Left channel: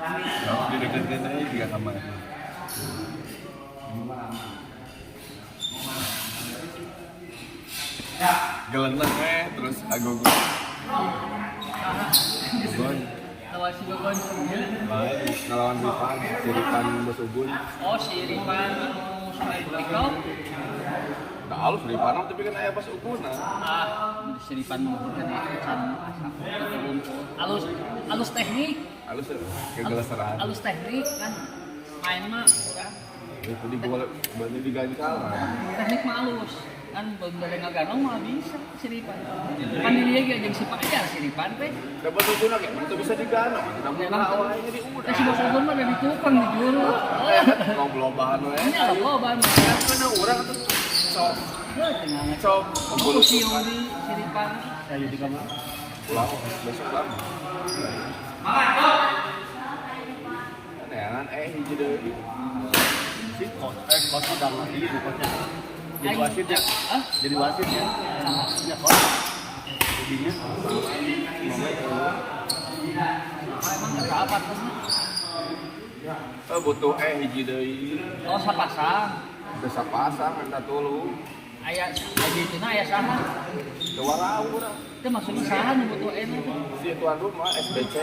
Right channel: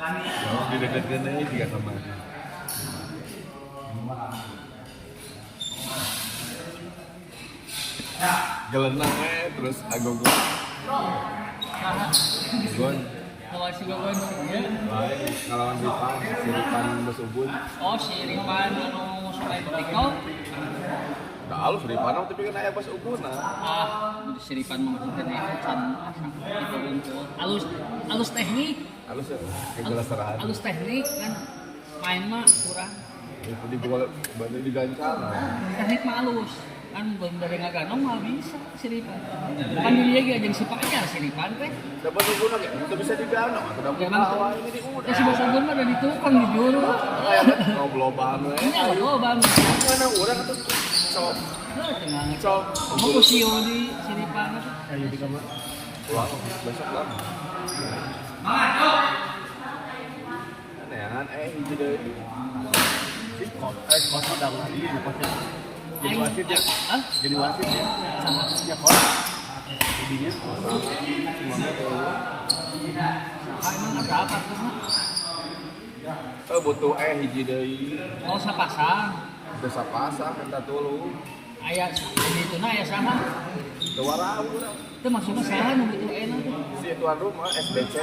Mau dideket-deket aja dia sama. Gelenang terus agogo. Gon. Lawan si Gogon ya. Ngelawan Ripan, Siripan Besubun. Oh, si Ripan anu Sungai Bekau. Nah, alus Ripan tapi kan aya Besubun. Si Ripan mah maksudnya can alus teknik. Alus kegeleseran. Alus teknik kan main mah kurang. Itu di bola bantu digancal. Teknik mah alus. Kan bener ngaganong mah bisa si Ripan. Kan dilihat ge jeung si Pajar si Ripan teh. Da Besubun ge itu bisa diganong, udah Memang ini di udah. si Besubun mah dari tukang di juru. Ngoblobahan we. Nya loban. Karena urang tuh sok sok Mau siung di si Ripan. Ayo di kamar. pulang besok lama. Ya kan hiji deui. Wasit dalam ini dipasnya. Jadi wasit ya? Hah? Jadi wasit ya? Sama. Ya kok. Jadinya Emang ada apa terus mah? Butuh hiji deui. Oh, sapasang. Geus sapasang anda tuluy. Aya dituna aya saha? Teu warau urang. Itu maksudnya saha nu butuh enak tuh. Si tuan rumah SBC.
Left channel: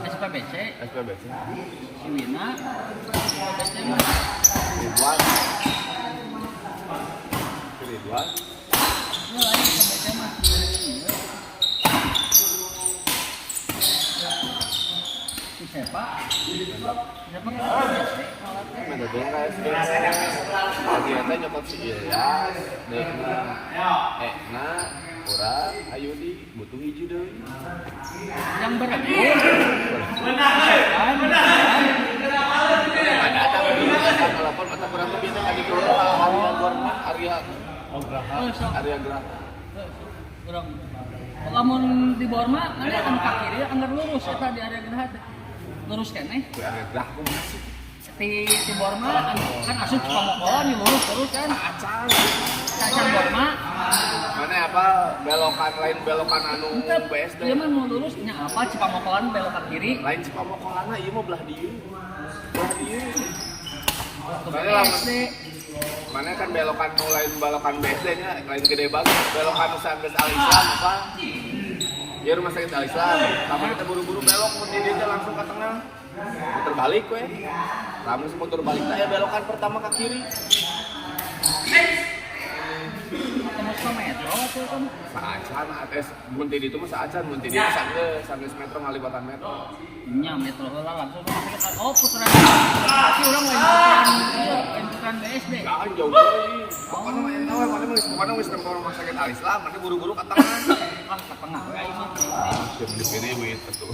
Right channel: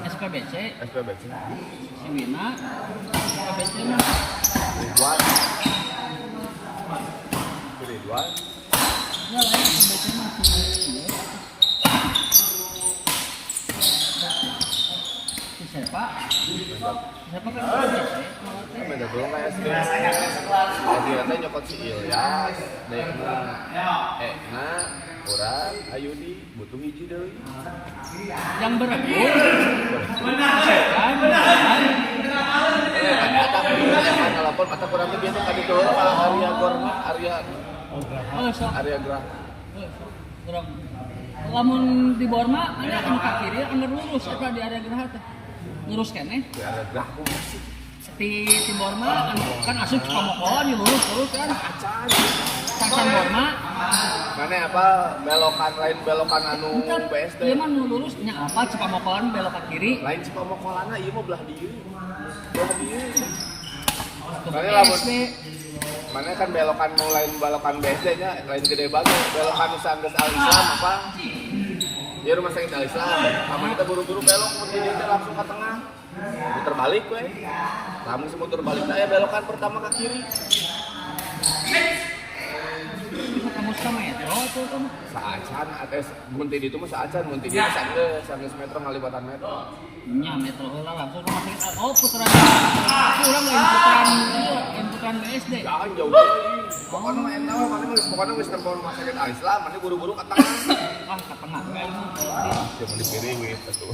SPBC, SPBC. si Wina, SPBC mah. Ridwan. Si Ridwan. Ya lah, SPBC mah. Si siapa? Siapa kan SPBC? Ada dong SBC. Jadi teh nyokot si Ilyas, Dekna, Ekna, urang Ayudi butuh hiji deui. Yang berat. Ada telepon atau kurang lebih itu tadi tuh Arya Gerah. Kurang. Lamun di Borma, ada kan ke kiri, anggar lurus eta di area Geraha teh. Lurus keneh. Di Arya Gerah aku masih Di Borma kan asup Cikamokon lurus terus kan. Acan Borma. mana apa belokan lain belokan anu BSD. Iya mah nu lurus nya apa Cikamokon belok ke kiri. Lain Cikomokolana ieu mah belah dieu. Belah dieu. Ke BSD. Mana kan belokan nu lain belokan BSD nya lain gede banget belokan nu sanggeus Al-Islam apa? Ya rumah sakit Al-Islam. Kamu kita buru-buru belok kemudian dia langsung ke tengah. Muter balik we. Kamu semua muter balik aya belokan pertama ke kiri. Kamu ke metro tuh kan. Saacan mun di ditu mah saacan mun di dieu sanggeus metro ngalibatan metro. Nya metro heula langsung rumah sakit. Oh putaran. Tapi urang lain putaran BSD. Kan jauh deui. Pokona mah eta we pokona geus nempo rumah sakit Al-Islam mani buru-buru ka tengah. Ah ke tengah we mah. Siap dipiring we atuh.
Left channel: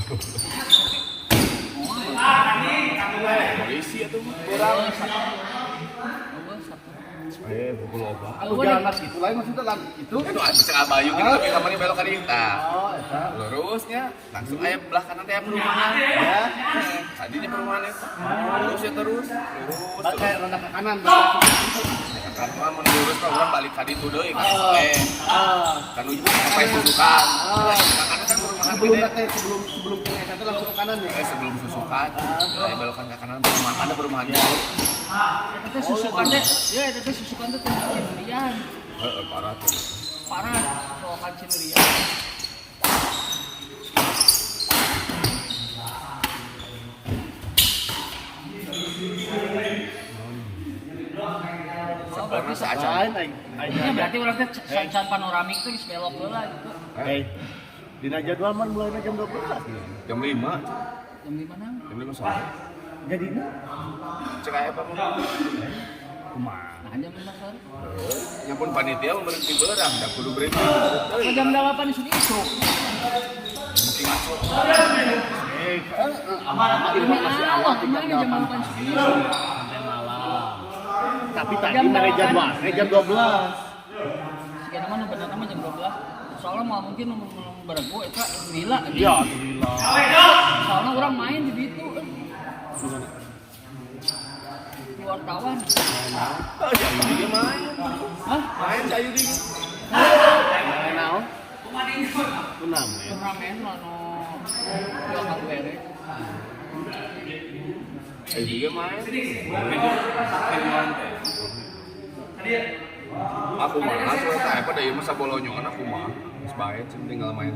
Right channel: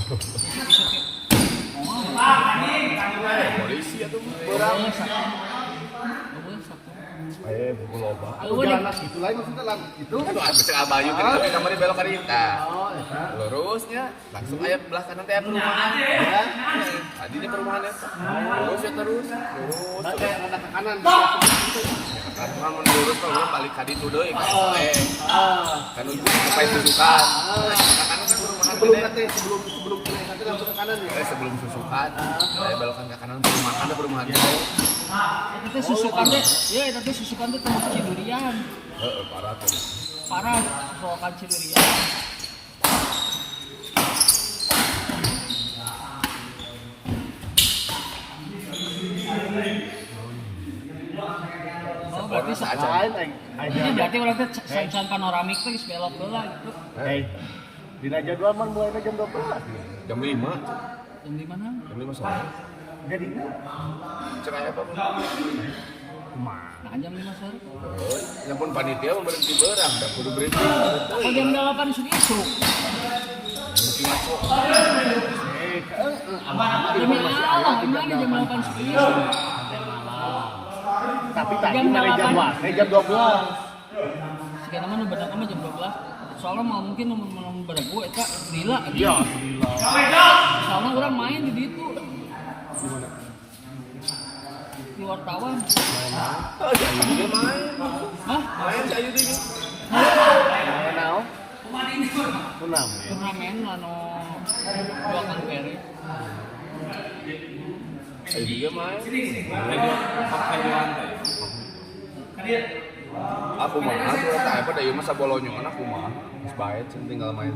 Polisi atuh urang. Pukul apa? aku jalan lagi itu lain maksudnya lagi itu. Aduh, bisa abayu kan tapi kamari belok ka dieu tah. Lurusnya langsung aya belah kanan teh perumahan. Ya. Tadi di perumahan eta. Lurus ya terus. Lurus. Pakai rada ke kanan. Kan mun lurus kan urang balik ka ditu deui kan. Kan ujung sampai susukan. Kan perumahan Sebelum gede. teh sebelum teh langsung ke kanan. Sebelum susukan, saya belokan ke kanan perumahan. Ada perumahan jauh. Eta teh susukan teh, ya eta teh susukan teh teh Ciburian. Heeh, parah tuh. Parah susukan Ciburian. Oh, berarti Lain ini berarti orang teh san panoramik teh geus belok heula gitu. Hei. Dina jadwal mah mulai jam 12. Jam 5. Jam 5 na? Jam 5 sore. Jadi ini Cek aya apa mah? kumaha? Nah, jam 5 sore. Yang pun panitia mau berhenti berang, dah kudu berhenti. Oh, jam 8 sudah isuk. Demi Allah, gimana jam 8 sudah isuk? Tapi tadi Jam dari jam 8. jam 12. Sekarang mana benar nama jam 12. Soalnya mau mungkin beregu eta gila. Iya, Soalnya orang main di situ. Di wartawan. Dia main. Hah? Main sayu di. Naon? Kunaon? Turnamen anu dua kali beres. Juga main. Aku mah aku apa dari masa bolonyo kan aku mah sebaik tinggal main.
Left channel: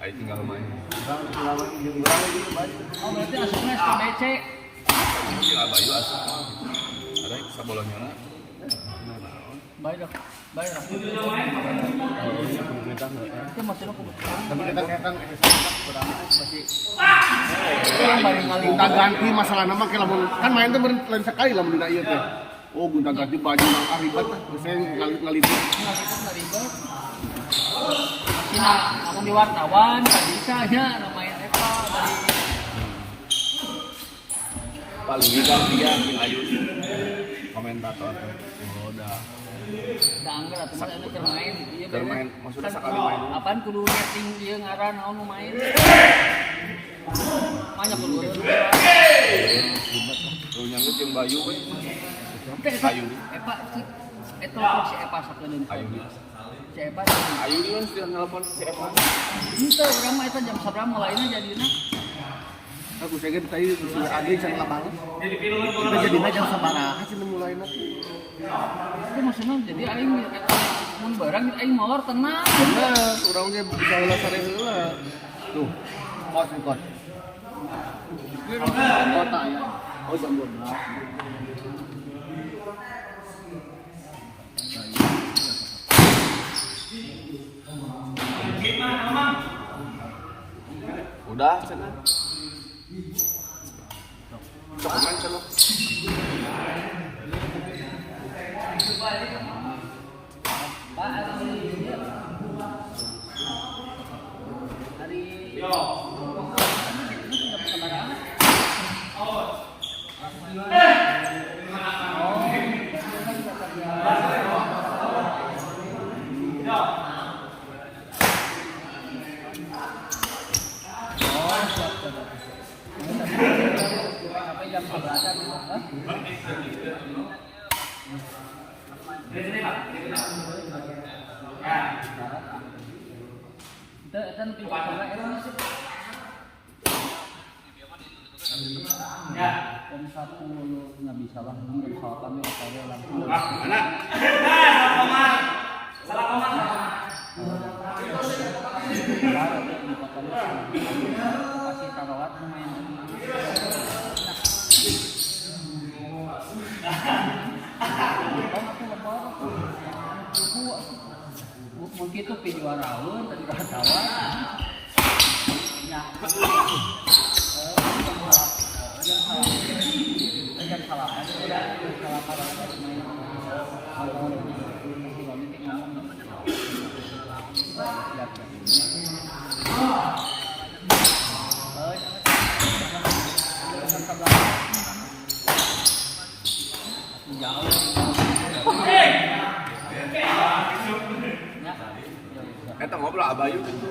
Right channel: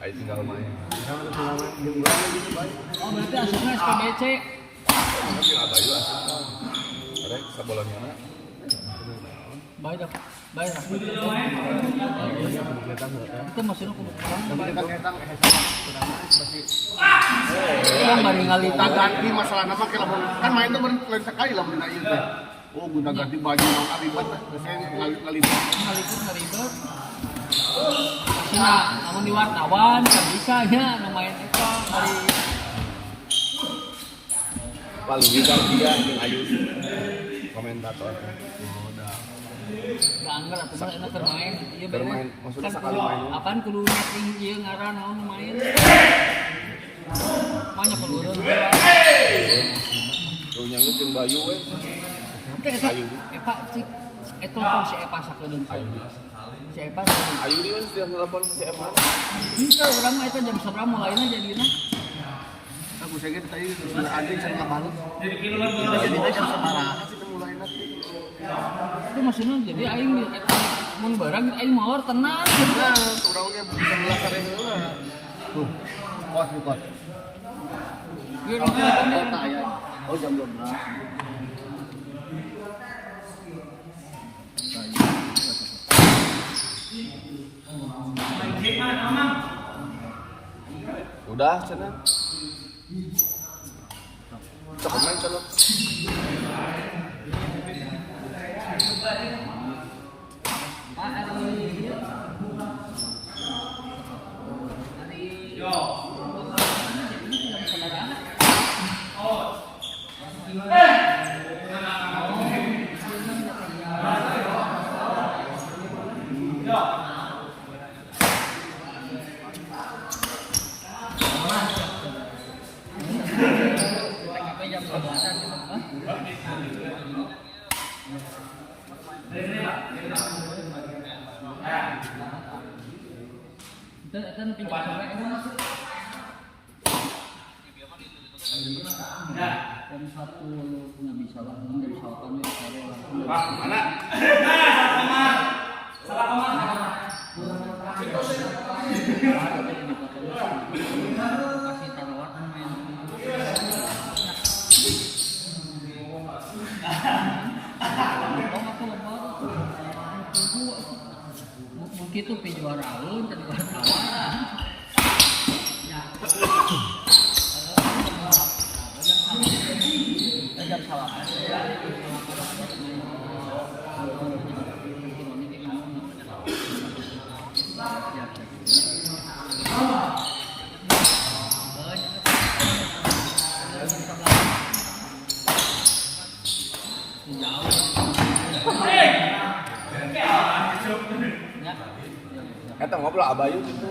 Ayo tinggal main. Oh berarti asupnya SPBC. Tapi abayu asa. Ada sabolonyo. Baik dah. Itu maksudnya aku yang bari ngali ganti masalah nama kayak kan main tuh lain sekali lah benda ieu teh. Oh, gunta ganti baju ribet. Biasanya ngalibet. ngalibet. Cina, namun di wartawan kan bisa ya namain eta bari Paling kita dia yang ayu komentator. da anggar atuh mah enak keur main. Ieu Keur main, maksudnya sakali main. Apaan kudu nyeting ieu ngaran naon nu main. Banyak keluaran. Tuh nyanyi jeung Bayu we. Teh eta Ayu. Epa cik eta pun si Epa sakedeun. Ayu. Si Epa. Ayu dia kan sudah nelpon ke si Evan. Henteu urang mah eta jam sabaraha mulaina jadina. Aku segen tadi terus anjing sama abang. Jadi jam sabaraha sih mulai nanti. Itu maksudnya jadi aing mun barang aing molor tenang. Urang ge bisa ulah sareng ulah. Tuh. Kos. Kota ya. Oh jam 12. Udah cenah. Cepetan cenah. Pak hari jam 11-an gitu. Kita pinjam sama era masih. Jam 1 nggak bisa lah, jam 8 ya sore langsung. Mana? Salah komat. Kasih tarawat main. Aku lebar aku. Mungkin itu juaraun tadi wartawan. Ya. Dan salah Eta ngobrol Abayu gitu.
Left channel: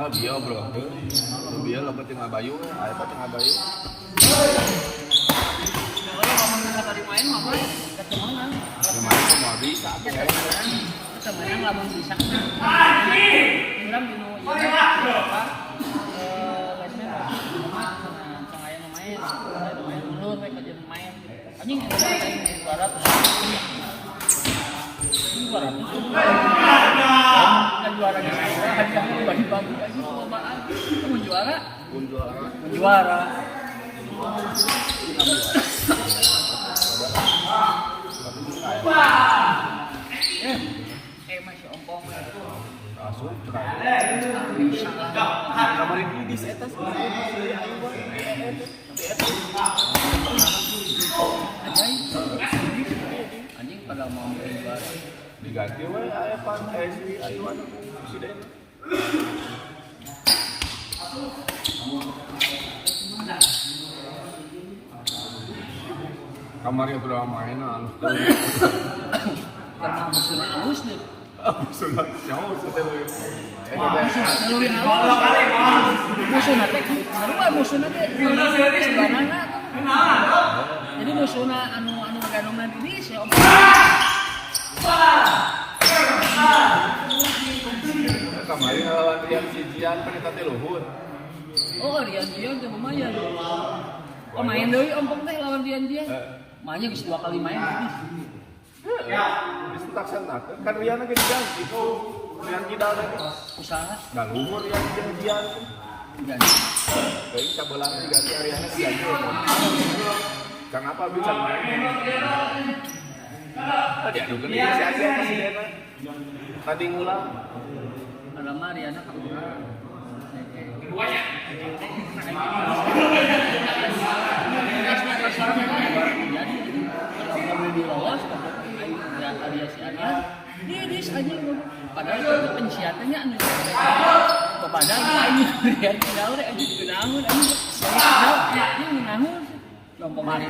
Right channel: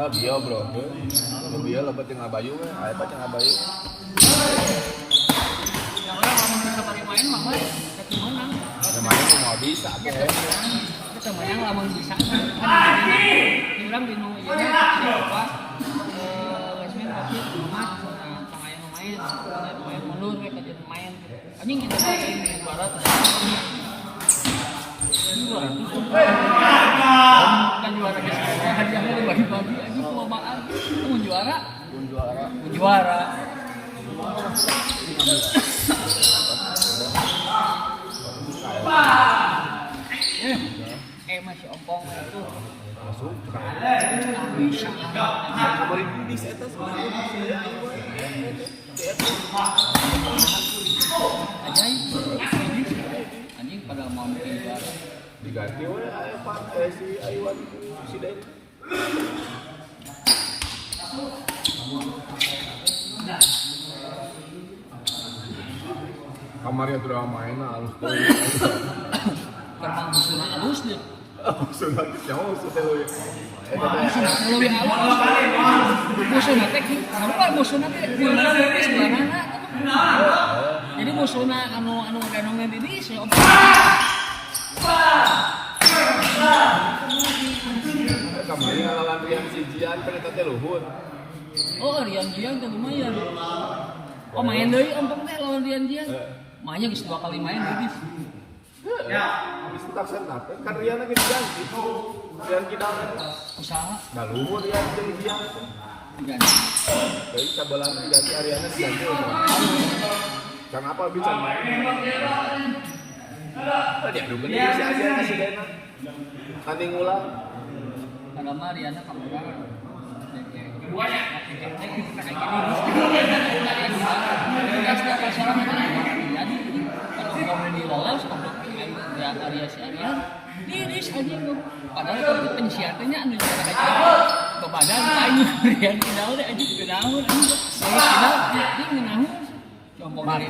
Oh, bieu bro. Bieu lompat jeung Abayu, aya pot jeung Abayu. Yang orang kamu bisa balik main mah ketemuan. Main cuma bisa. Kita main lamun bisa. Di urang di nu ieu apa? Basement masih rumah sama aya nu main mundur we ka main. Anjing itu main barat. Juara. Kan juaranya hadiahnya dibagi-bagi aja perlombaan. Itu mau juara. Masih ompong itu. Masuk. Bisa lah. Kabarin di eta sebenarnya di sini ayo bae. Ajaib. Anjing pada mau bikin juara. Diganti we aya pan si Ayuan presiden. Kamarnya tuh main halus. Karena musuhnya halus deh. Sudah jauh sudah we. Lebih halus. Musuhnya teh, kenapa musuhnya teh sebenarnya? Jadi musuhnya anu ganongan ini si Om. Kemarin lawan yang sijian kan eta teh luhur. Oh, Rian Jiang kan lumayan. Oh, main deui ompong teh lawan Rian Jiang. Mainnya geus 2 kali main habis. Bisa tak senat. Kan Rian lagi diganti. Rian Kidal lagi. Usaha Nah, luhur Rian Jiang. diganti. Jadi cabolan diganti Ariana diganti. Kenapa bisa main? Apa dia aduh gede si Asia masih dena. Nanti ngulang. Alamak Riana kamera. Diris aja padahal pensiatannya anu kepada lain Rian Kidal teh aja kenaun anu dia ngenaun lompong hari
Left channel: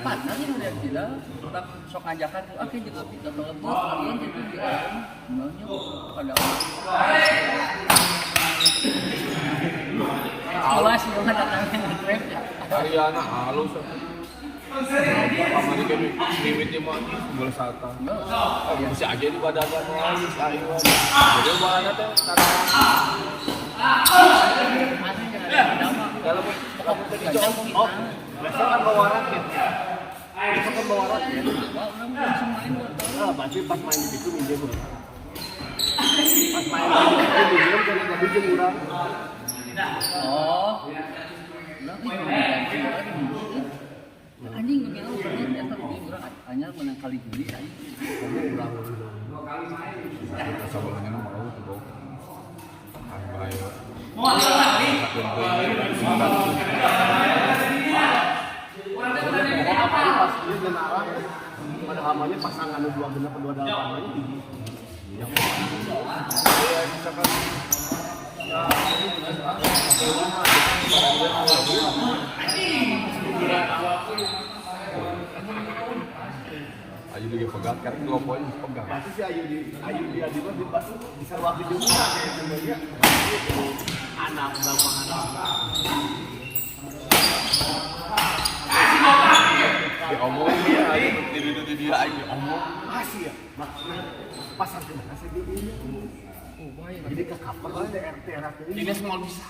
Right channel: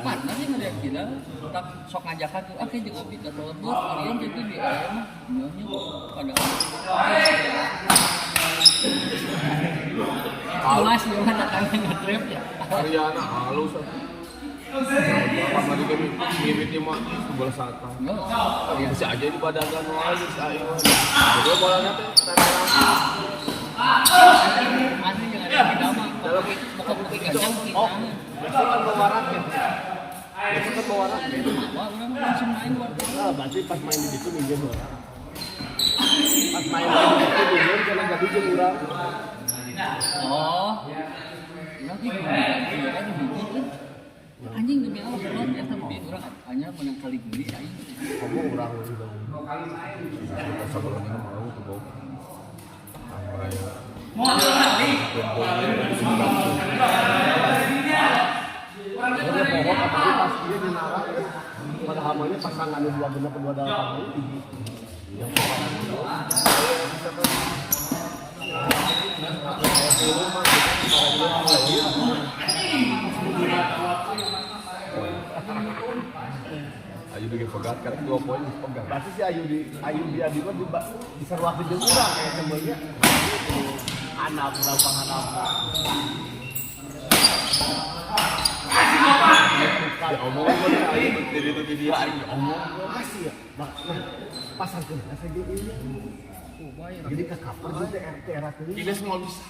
partner yang Rian Kidal tak sok ngajakan tuh akhirnya di kopi telepon Rian jadi di ayam namanya pada awas ya mana datangin nge-trap ya Ariana halus. Kamari kami mimiti mah sebelah sata. Si aja di badan mau halus ayo. Jadi bolanya teh karena ada yang ada di dalam dalam pokok putih gajang kita biasa kan bawa raket. Itu kan bawa raket. wah udah mau langsung main buat Ah, berarti pas main di situ minjem orang. Pas main di situ minjem karena nggak minjem orang. oh berarti ganti ada biji anjing gak bilang pernah eta lebih kurang hanya menang kali geli aing Kamu orang dulu. Kita sebelumnya mau tuh bau. Apa ya? Pada kamarnya pasangan dua benar kedua dalam ini. Ayo juga pegat kan 2 poin pegang. Pasti si Ayu di Adi pun bisa waktu juga sebenarnya. Anak berapa anak? Ya omongin aja jadi itu dia aja omong. Masih ya, pasar tuh masih di ini. Oh baik. Jadi kakak pernah daerah ini. Tidak semua bisa.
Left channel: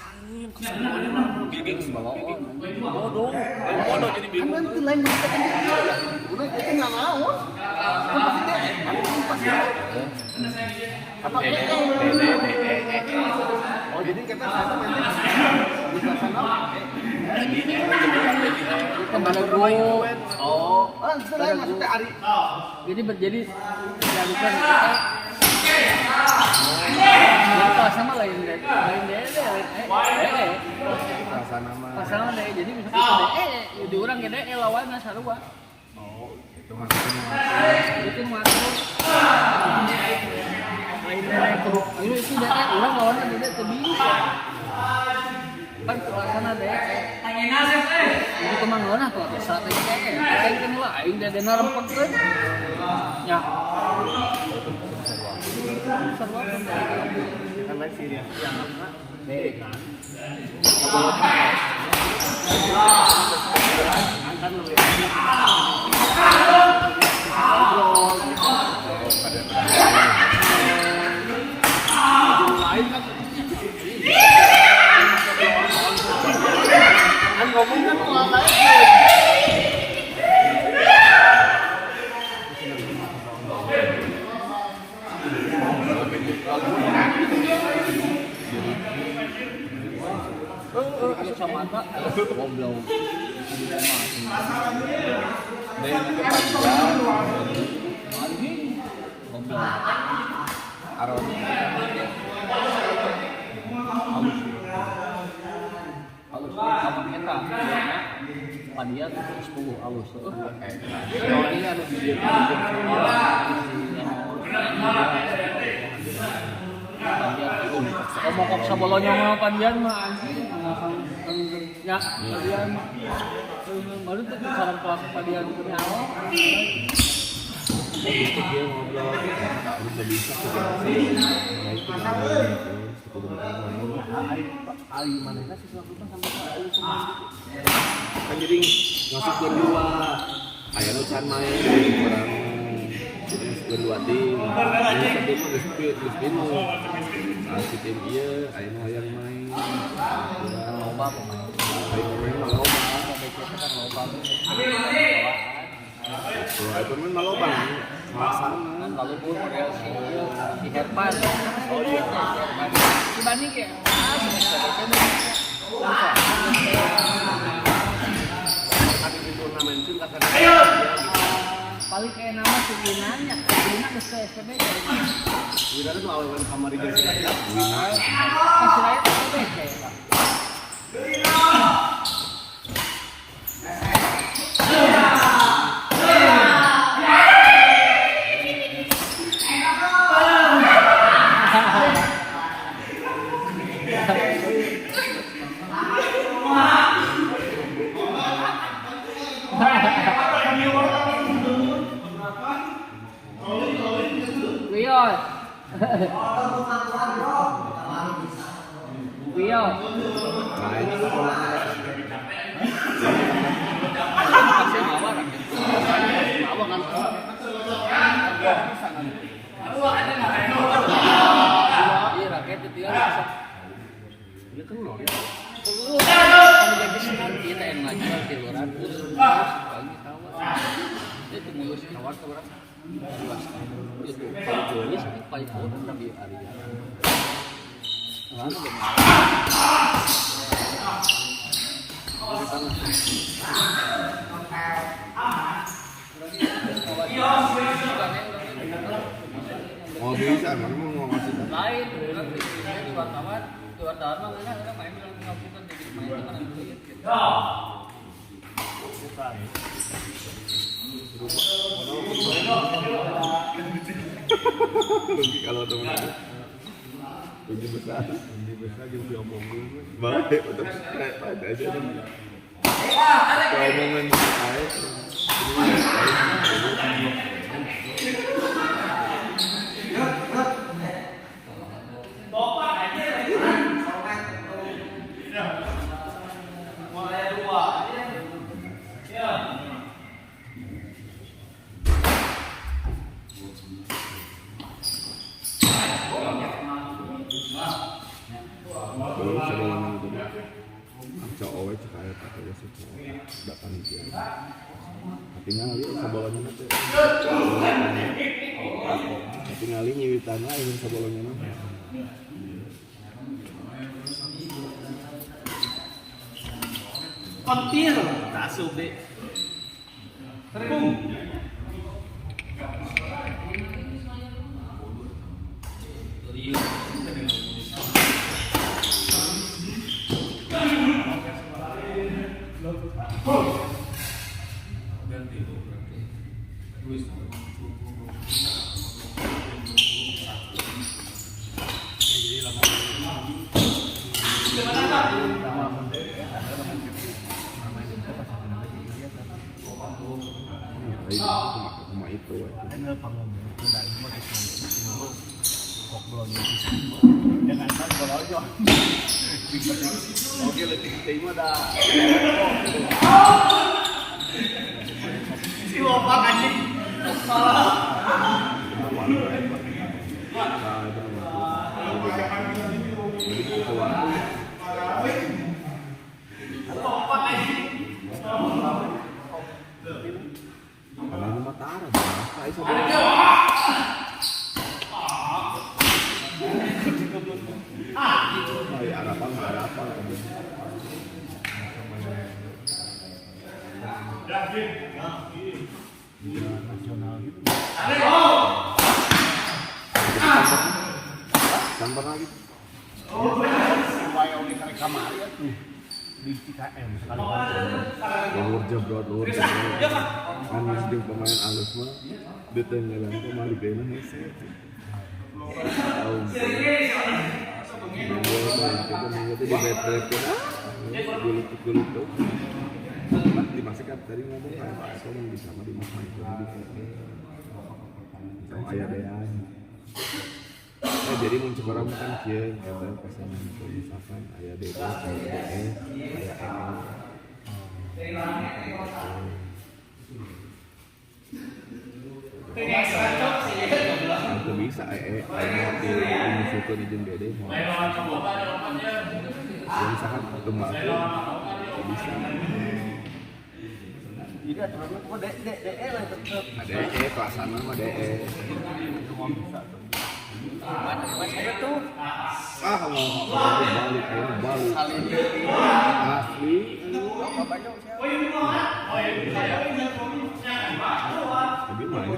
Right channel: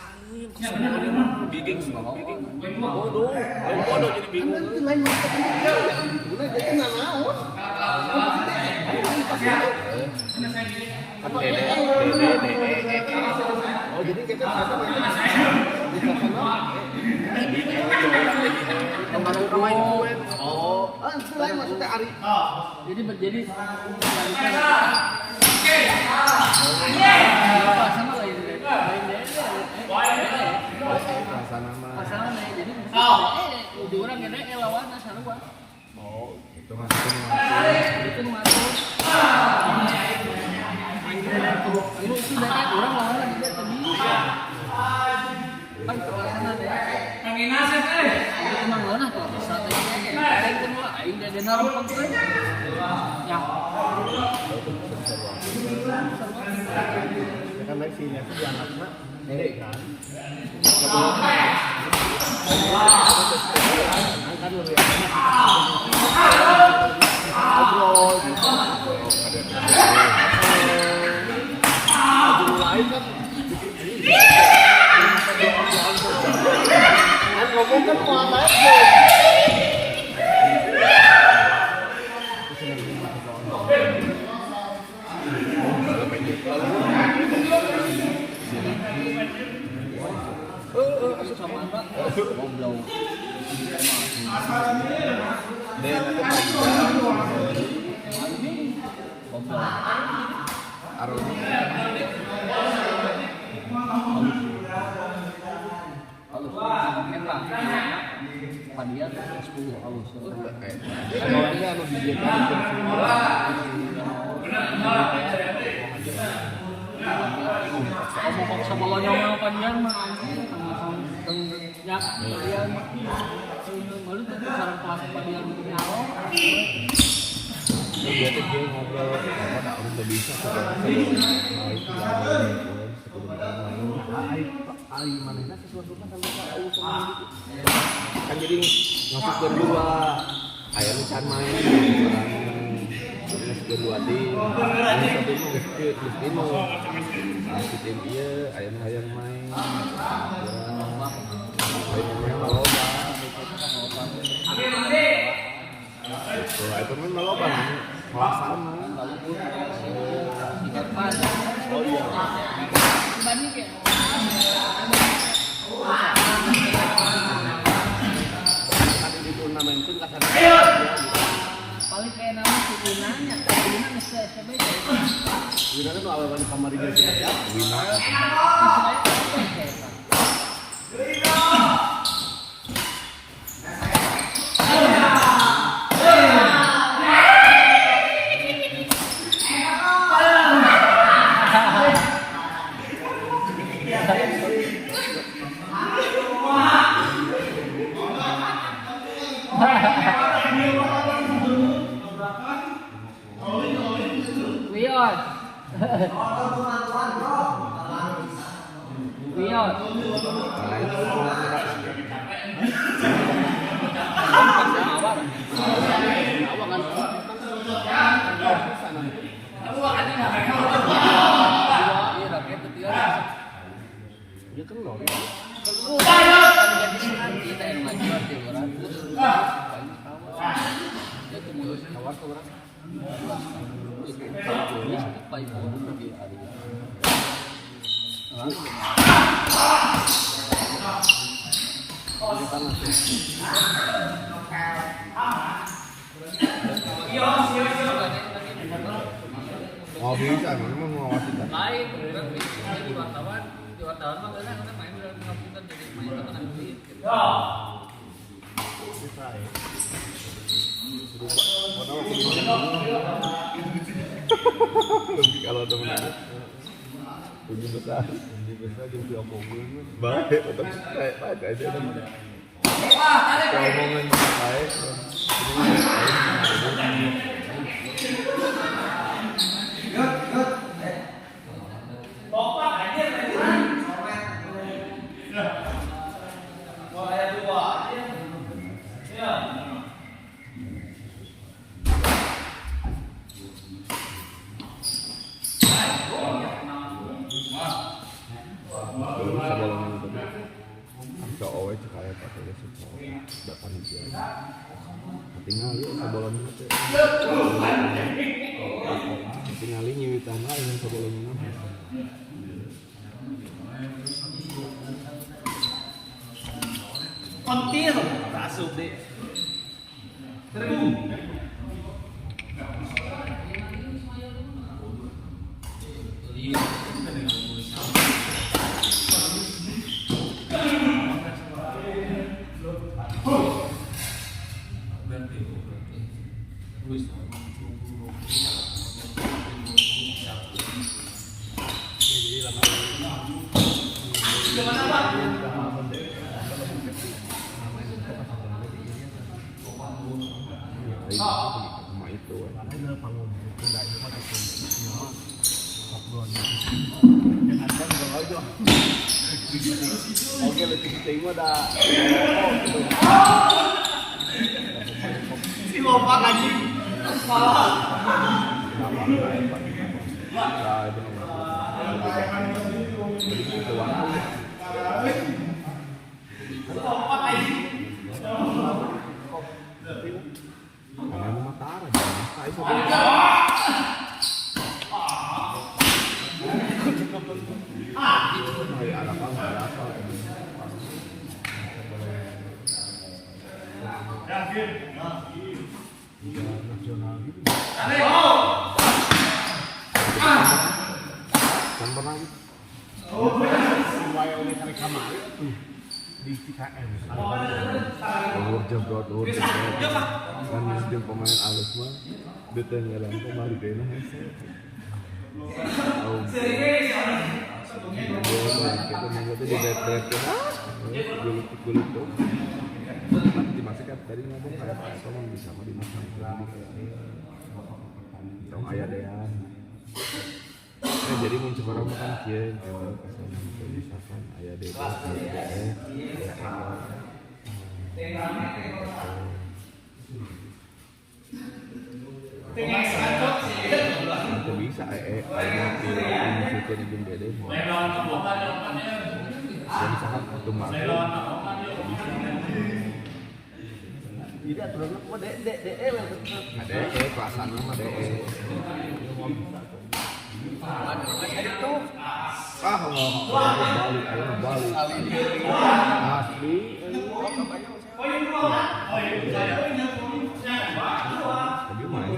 Bikin bodoh. Bodoh jadi bingung. Nanti lain udah kita nggak mau. Oh jadi kita satu di sana. kembali dulu Oh, itu lain maksudnya Ari. jadi jadikan kita sama lain deh pasangan deh jadi misalnya di orang gede lawan sarua Oh, itu maksudnya. itu masuk ini itu data orang lawan gede tadi kan suasana deh itu teman lo nah tuh saat itu kayak kan lain dari narempet tuh ya Kan lagi sih yang kan. Kan lebih ngobrol gitu. Kan ngomong kan keluar aja. sama apa ngobrol Dan kepanjang ngobrol aroma. halus eta padiat 10 halus Kalau ini ada video ngomong kok sabolonya mah padian mah anjing ya padian mah malu tuh sarang kelas padian punya awak dia tuh dia ngobrol udah bisa kan jadi masuk kedua ayah lu can main terus kedua ting ini satu mah respect lu masukin iya ayah hayang main pemain. Pemain maloba. Kita kan loba. Itu kan maloba. Masalah. Lalu pun di depan. Oh iya. Dibanding kayak paling kayak nama si Winan ya, Winan ke SPB. Winan itu awal kamar di Jakarta. Winan. Masih lain Wion. Wion. Iya, rakyat itu ya. Dia telur. Kan jadi sinar kita yang ngajar 300. Paling tawar. Dia tuh mulus tawar tuh orang. Itu tulis paling bodoh lagi hari. Lalu Mau bisa, memang mau masuk. lain di wartawan mah kita main lagi ngapunten jadi main itu kan duit gitu. Lebih kalau teman lebih besar yang diomongin baik tetap kayak ada aja kan kalau omongan baik sebolongan itu cowok itu kayak katanya sih cowok nggak panitia tinggal lihat sebolongan itu tinggal nyiwitan lah ingin sebolongan Hampir masuk deh. Terbung. cuma itu oke lebih kita dah Si Lopak aja. karena Mataram kan pernah gitu Supaya oleh kali kamari di CKM. Luar jebrot kan mesti pemain alus mah ditenggelam kemari kayaknya hese tahu kita mengikuti di bed gulut tuh dimasukkan tadi ngomong kayak apa mang bisa mah dimakan itu ayah dean jadi muncul orang makan kieu eta pasangan itu misalkan aya DD, aya itu bisa aya di situ di jeung DD Ya misalkan kembang bisa. Jadi aturannya kok DE lah tetap. DE kelasannya mah DE. Ah nggak balik, ayo balik. Asli. Tapi main.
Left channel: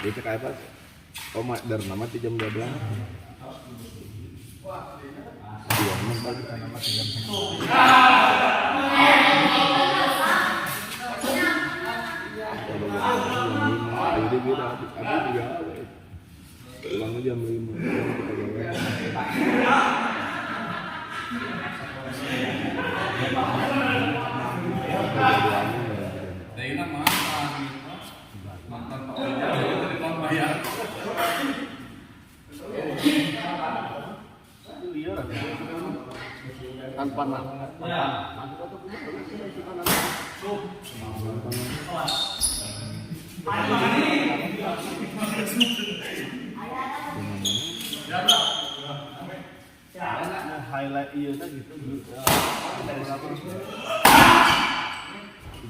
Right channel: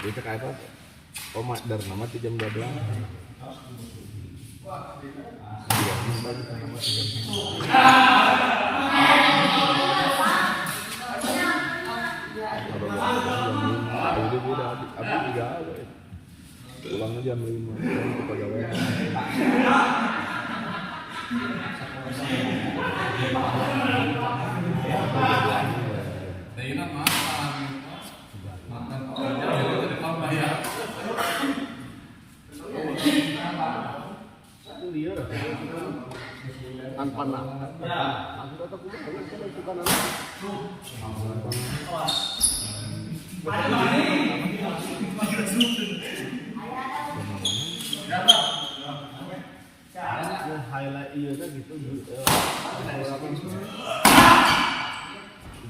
Bisa kayak apa? Komadar nama di jam 12. Iya, memang bagus nama di jam 12. Kalau jam 5, jadi beda. Abi juga ada. Pulangnya jam 5, pulang ke pegawai. Tanpa nama. Highlight iya kan gitu.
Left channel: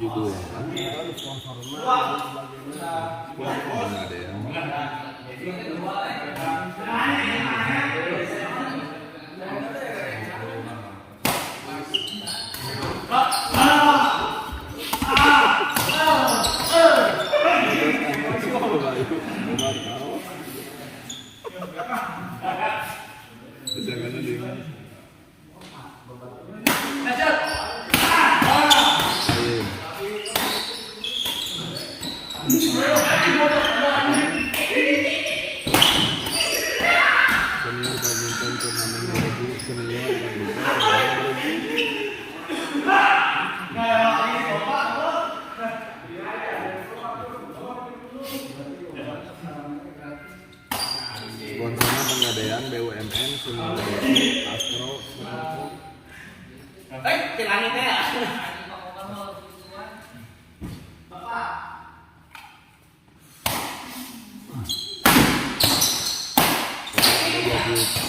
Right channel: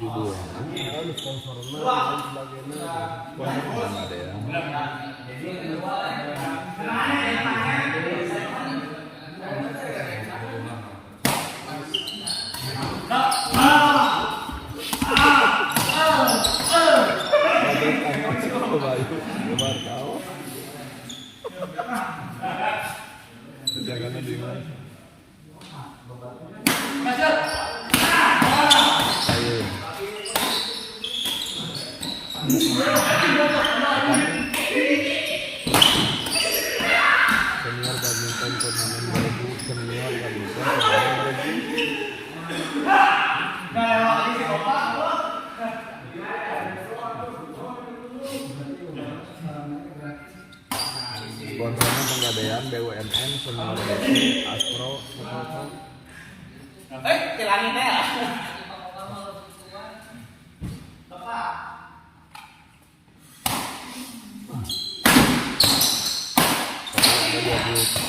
Judul. Ada sponsornya dan sebagainya. Mana ada ya? Jangan di mana? Senior badminton turnamen 2000 senior badminton. Sponsornya Penggadaian BUMN Senior Astro Motor. Kilangnya.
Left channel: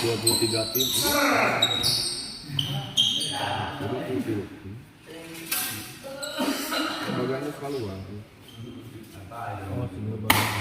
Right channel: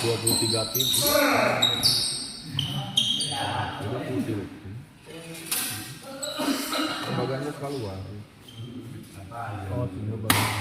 23 tim. Bagiannya keluar. Oh, tinggal bagian.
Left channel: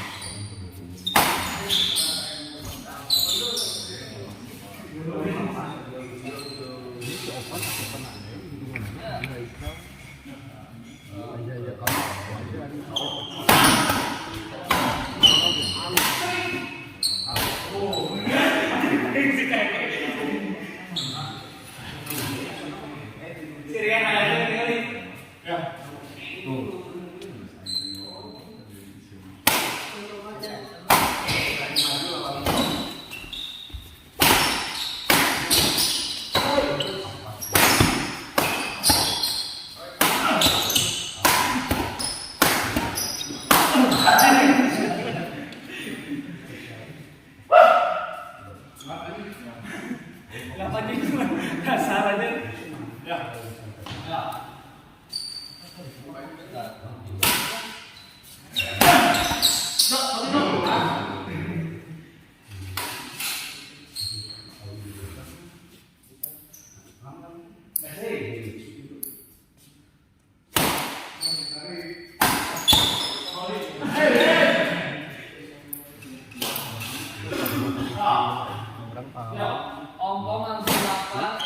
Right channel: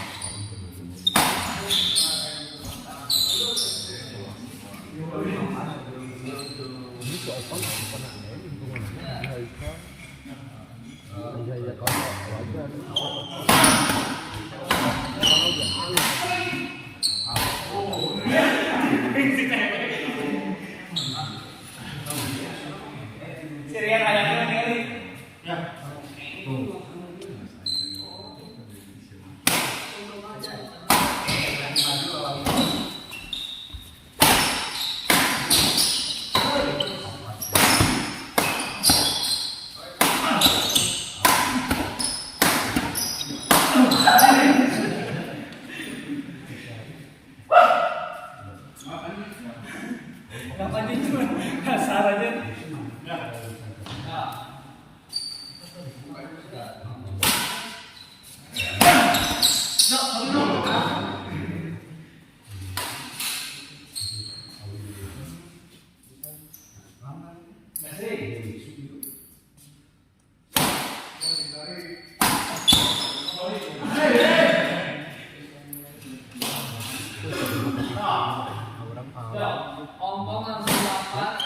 Om langsung dapat.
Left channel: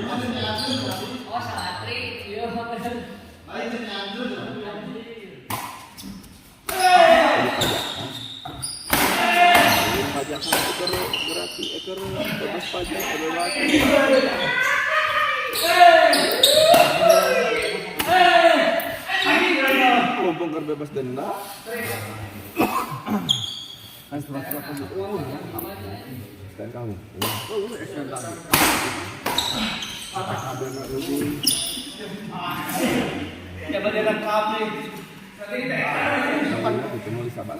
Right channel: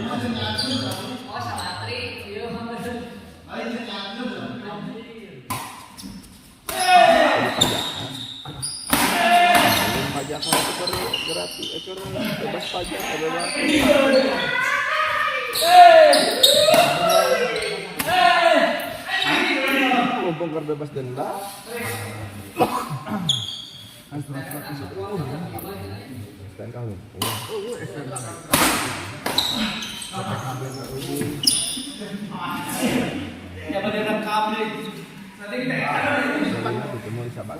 Oh, Salatri. Iya, pajak kalau ekor berarti ekor bebas pajak ada lagi. Mumpung kerja bebas denda. Kan surat-surat kasih uang. Dan kamu. Oh, SN lagi. Kabel rugi. Ya badan kabel. Ketemu di Sabah.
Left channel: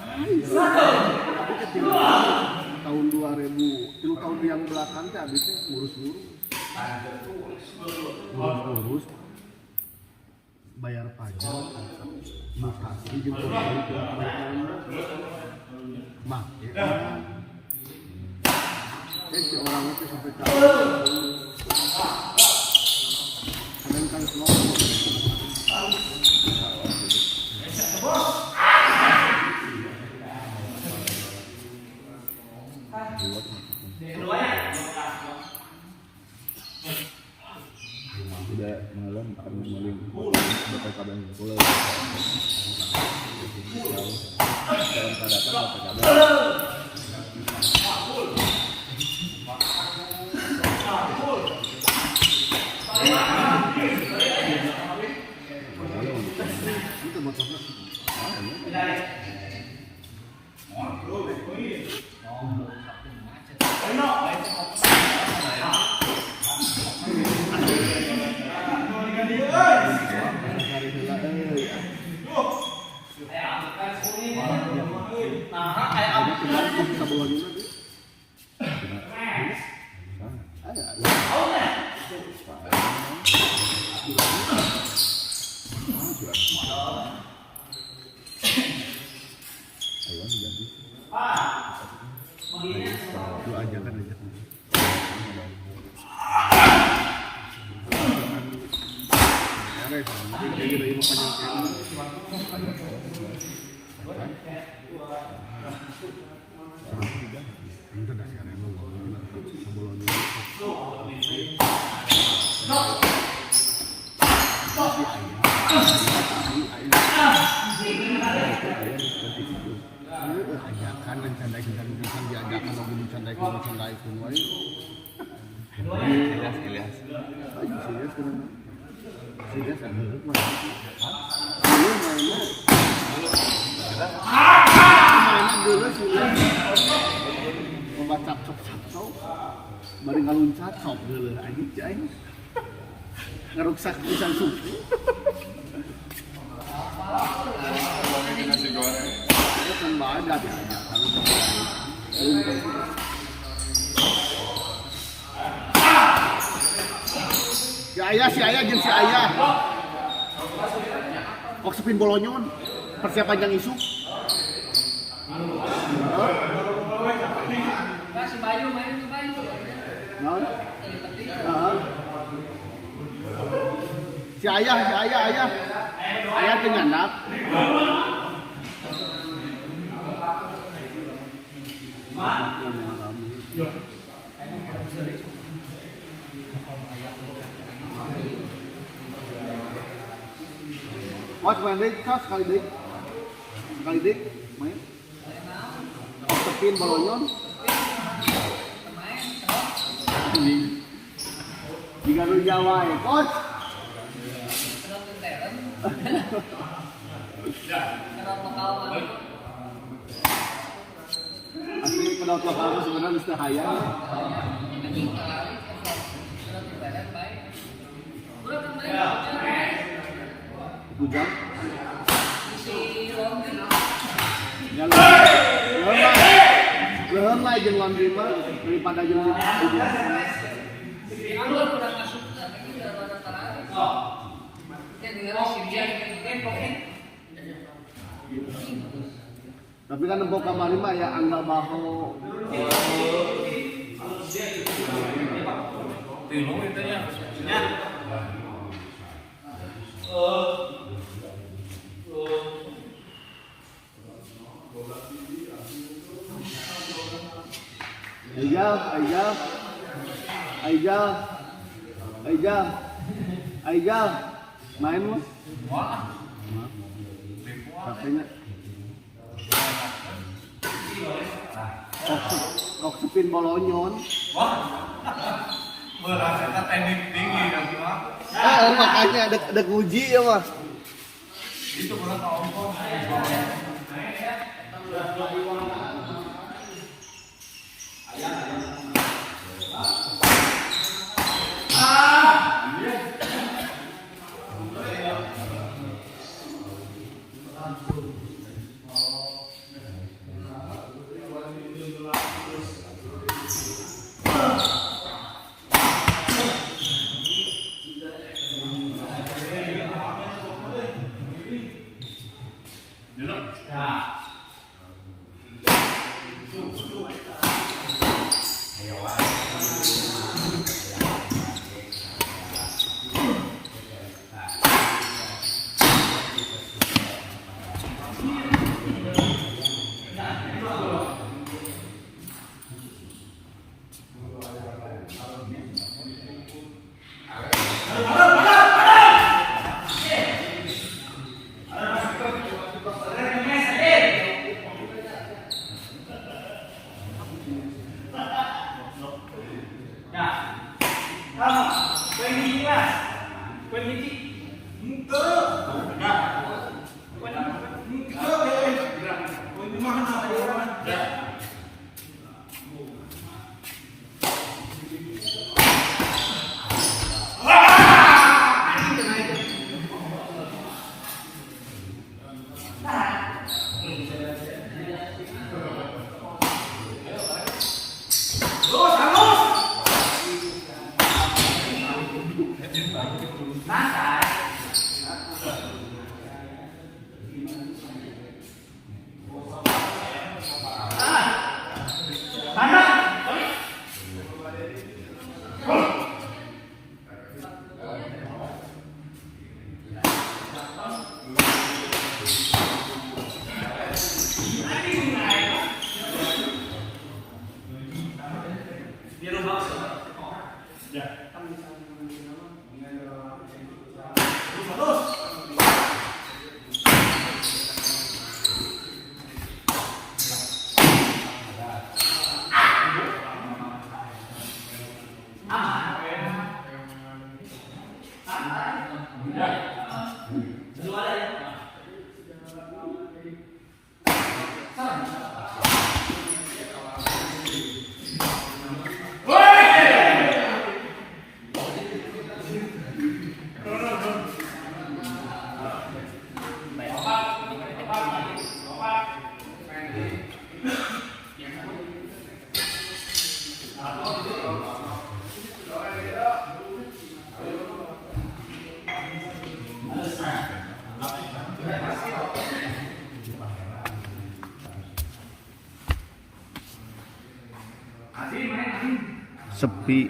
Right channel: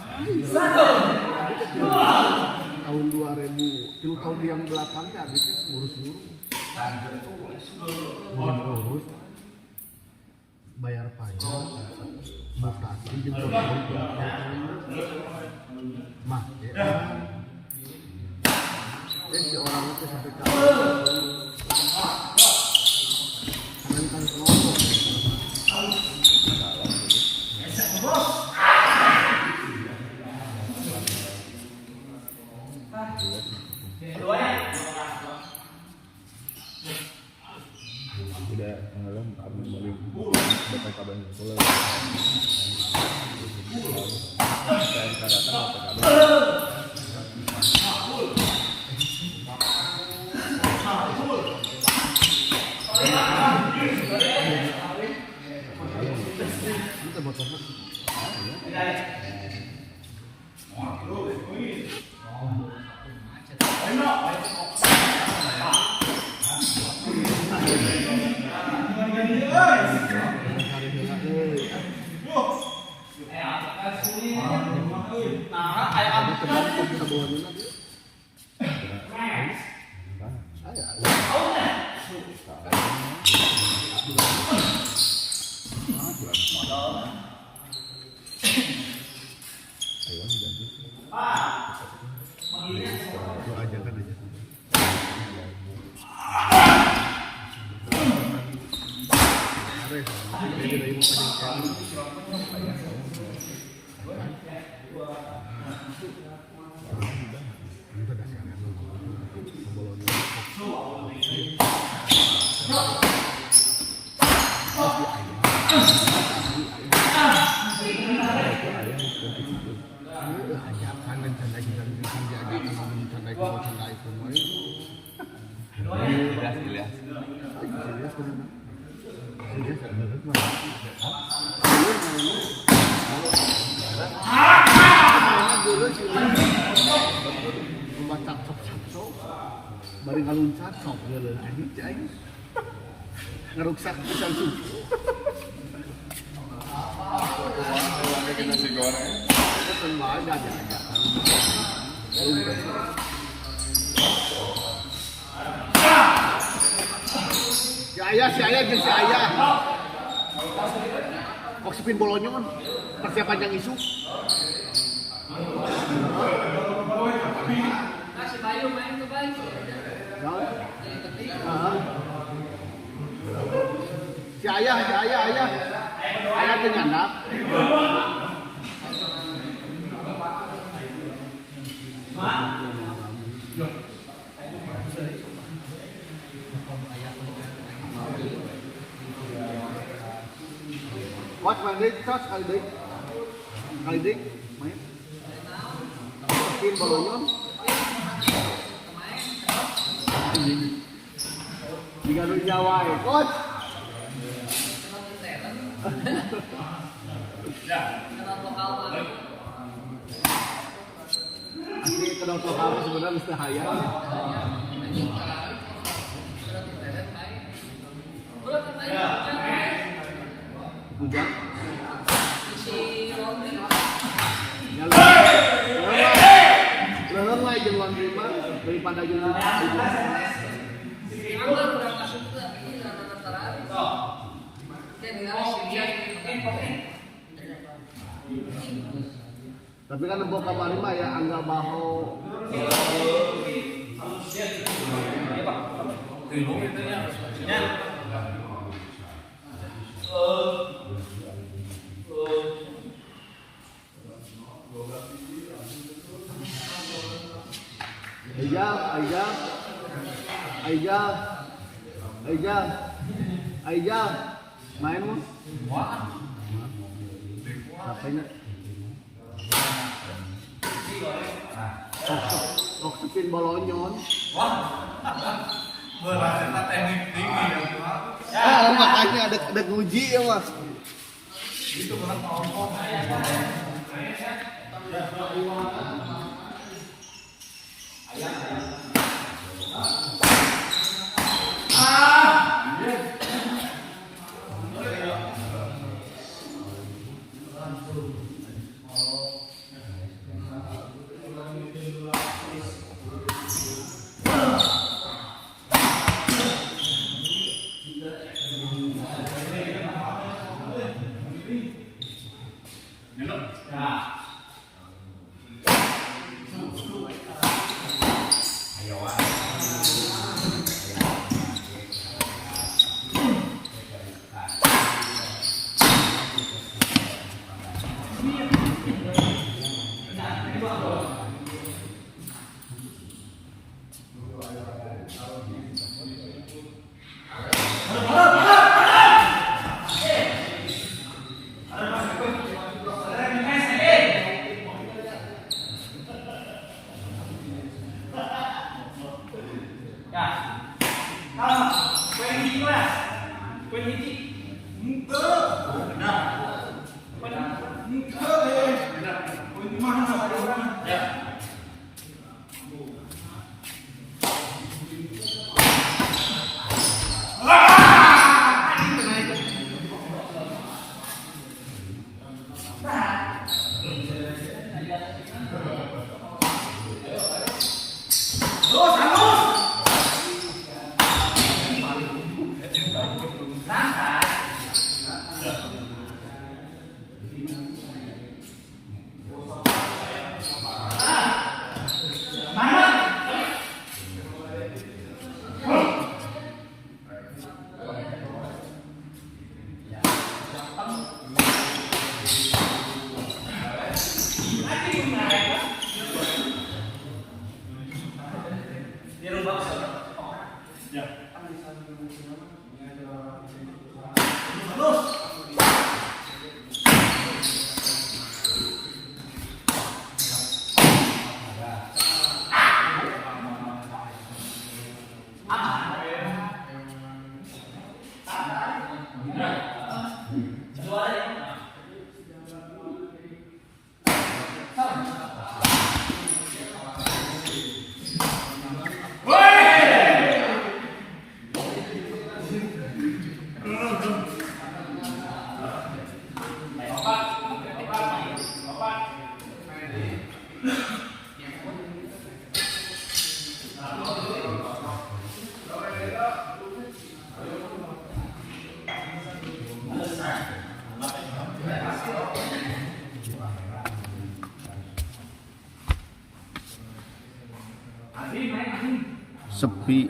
Tahun 2000, itu tahun yang belakang teh habisnya ngurus bayar pajak, mutasi juga make. Si orang itu sampai kanan kan kelompok. Tidak mengalam kami melalui beberapa kabar yang boleh. Kita motornya Nah, kayak apa? Bari ngaluncat sok geuleuh anjing cai aing. Ngaruksak pisan suku. Nasi goreng. Itu semua ada diajakan. Si Ayah jeung si Ayah. Maksudin bolonyon persiapan yang isu. Si Bayu main ke Bayu. Si Ayah dengan anak. What when they touch kali dik, main. Spin bolonyon. Di Garut Jawa ya, coach. Asli kalau lokal sebenarnya mesti hayal. Bukan. Ya leheng lah jeung laundry mah daripada jeung Kurang masuk ke ini rata-rata. Jadi kalau tapi kanembok kamari mah ya anggal baho. Ayah. Aija, main lu? Katanya. Rok sepin bolonyon. Berasa teknik tinggi kan cuma. Makanya ada nguji ya mah. Itu berat ngomong. Sepi.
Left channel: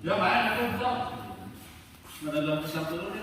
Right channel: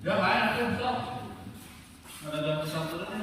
Ya main aku. Ada dalam kesatuan.